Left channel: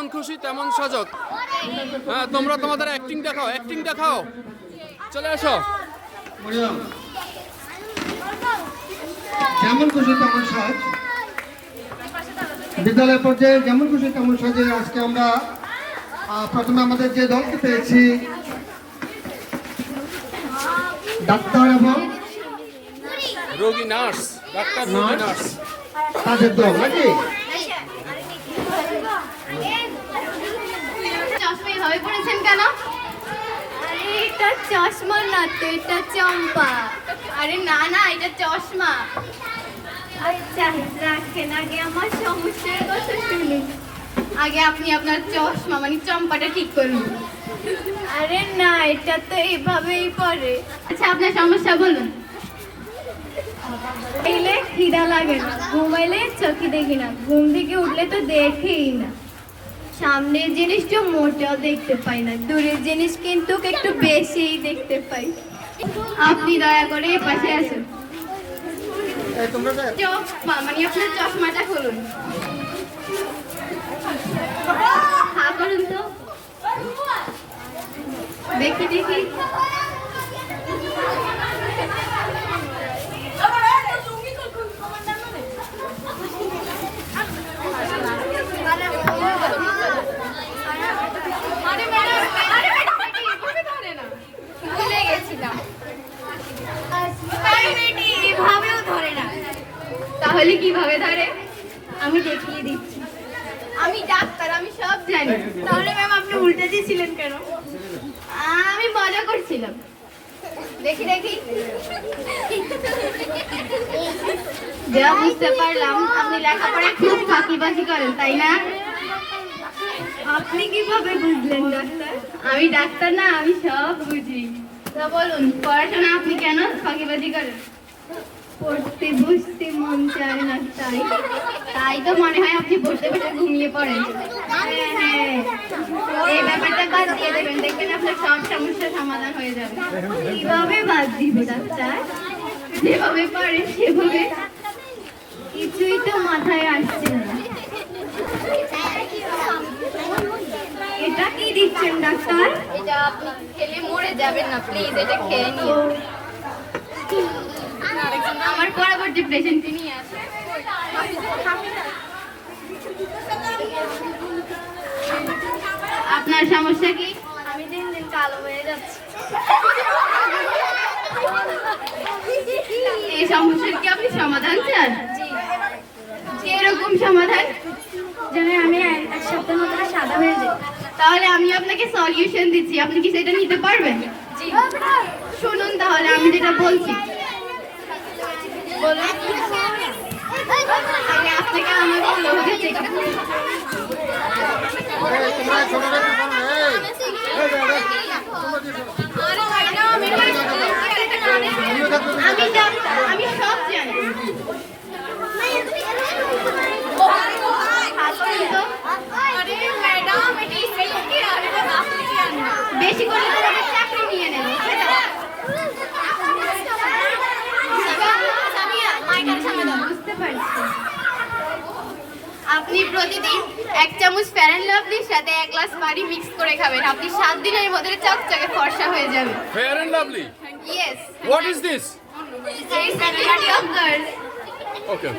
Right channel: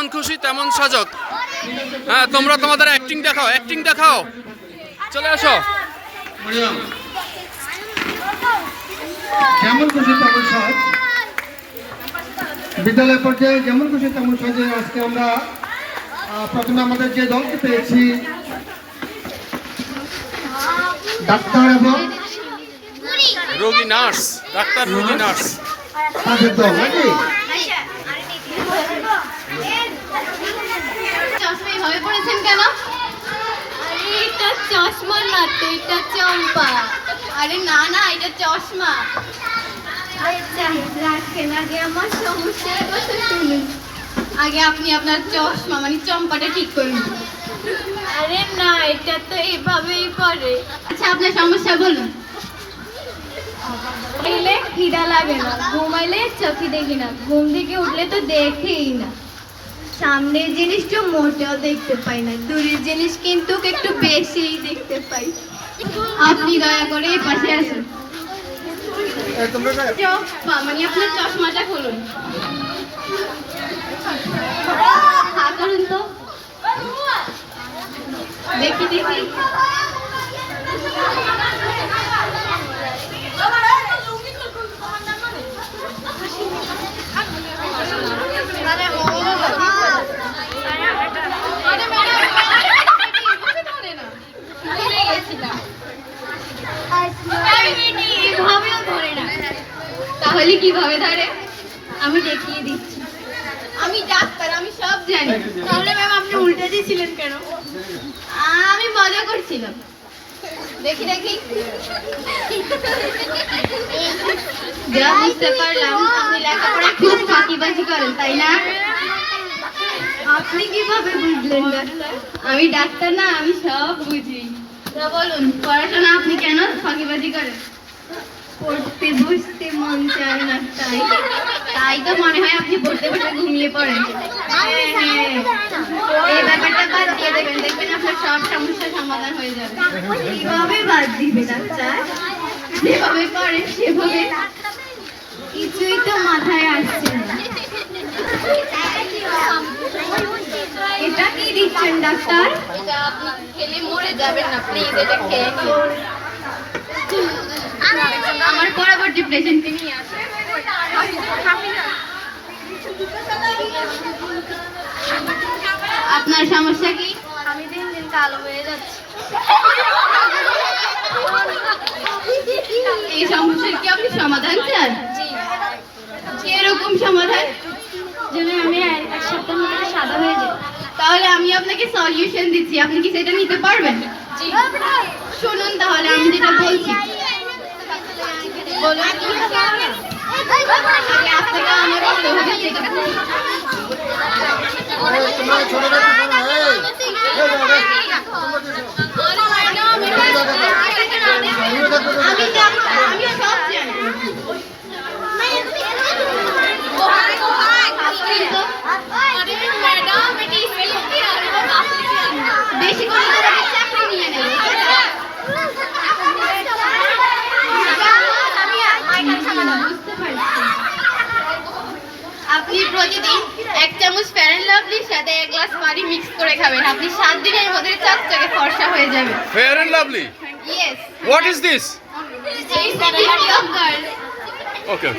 যেমন খুশি তেমন সাজক। হ্যাঁ, তোমরা তোমাদের অ্যাক্টিং দেখাও, অ্যাক্টিং দেখাও, চলে আসো। যেমন খুশি তেমন সাজ, বিদ্যালয় পর্যায়ে যেমন খুশি তেমন সাজে আজকে আমরা প্রথমে আমাদের যে দলকে পেয়েছি ডাক্তার এবং রোগী নার্স, ডাক্তার রোগী নার্স তাদের দল নাকি? চশমা এভাবে পড়েছেন কেন? এটা চশমার না তো, এটা চম্পা। আরে না না, এটা চশমা। রাখেন, আগে আমার সমস্যার কথা শুনুন। আগে আপনি আপনার চশমা মানে চম্পাটা ঠিক করুন। আরে না, এটা তো এভাবেই পড়ে। আচ্ছা, আপনার সমস্যা বলুন। খেলে খিদা লাগে না, ঘুমাইলে চোখে দেখি না, ঘুম থেকে উঠলে তো দেখেই না, সামনের জিনিসটা মোটেও দেখতে পাই না, দূরের জিনিস কিন্তু একটু বেশিই দেখতে পাই। আপনি দয়া করে এই পাশে আসুন। চশমা মানে আপনার চশমাটা খুলুন। হ্যাঁ করুন তো, দেখি দেখি। তাহলে কিভাবে ধরে? আমি দেখিয়ে দিচ্ছি। আমি ডাক্তার, আমি সব জানি। তাহলে ম্যাম আপনি উল্টে দিয়েছিলেন কেন? আমি মজা করছিলাম। দেখি দেখি। যা বুঝতে পারলাম আপনি লেখাপড়ায় খুব ফাঁকিবাজি করেন, তাই না? আপনি কিভাবে বুঝলেন ডাক্তার? আমি ডাক্তার না, আমি সব বুঝি। তা বলুন, পড়াশোনা আপনি কেন ফাঁকিবাজি করেন? পড়তে বসতে মন চায় না, তাই তাই তো মনে হয় আপনি পড়তে বসে ঘুমিয়ে পড়েন। হ্যাঁ, এই ব্যাপারটা বাদ দিয়ে দেবেন, দেখবেন আপনার সব সমস্যার সমাধান হয়ে যাবে। কিভাবে বাদ দিবে ডাক্তার? যেভাবে পারেন সেভাবে। কিছুই তো মাথায় আসছে না। এটা কি দিচ্ছেন ডাক্তার? এটা আপনি খেলে মরে যাবেন না, প্লিজ এটা খেয়ে নিন। আমার পরবর্তী পেশেন্টকে নিয়ে আসে। আপনার সমস্যা কি? আমি দিন দিন কালো হয়ে যাচ্ছি। এই সমস্যার কি আপনি সমাধান চান? জি। কিরকম সমাধান? যেন আমি এক সপ্তাহের মধ্যে সাদা হয়ে যাই। তাহলে আমি আপনাকে সলিউশন দিচ্ছি, আপনি কি সেটা নিতে পারবেন? জি। শুনুন তাহলে আমি যেটা বলছি। বলুন। আগে আপনাকে আমার লোককে চেক আপ করতে হবে। আমি ডাক্তার, আমি সব জানি। বেশি করে তোমাকে চাকরি নিয়ে নেবে। বুঝতে পারছি। আপনি প্রতিদিন 1 চামচ ফেয়ার এন্ড লাভলির সাথে 1 গ্লাস পানি মিক্স করে খাবেন। আপনি 7 দিনের মধ্যে চকচকে ফর্সা হয়ে যাবেন। Fair and Lovely? Yes. What is this? It's a beauty of girls. Okay.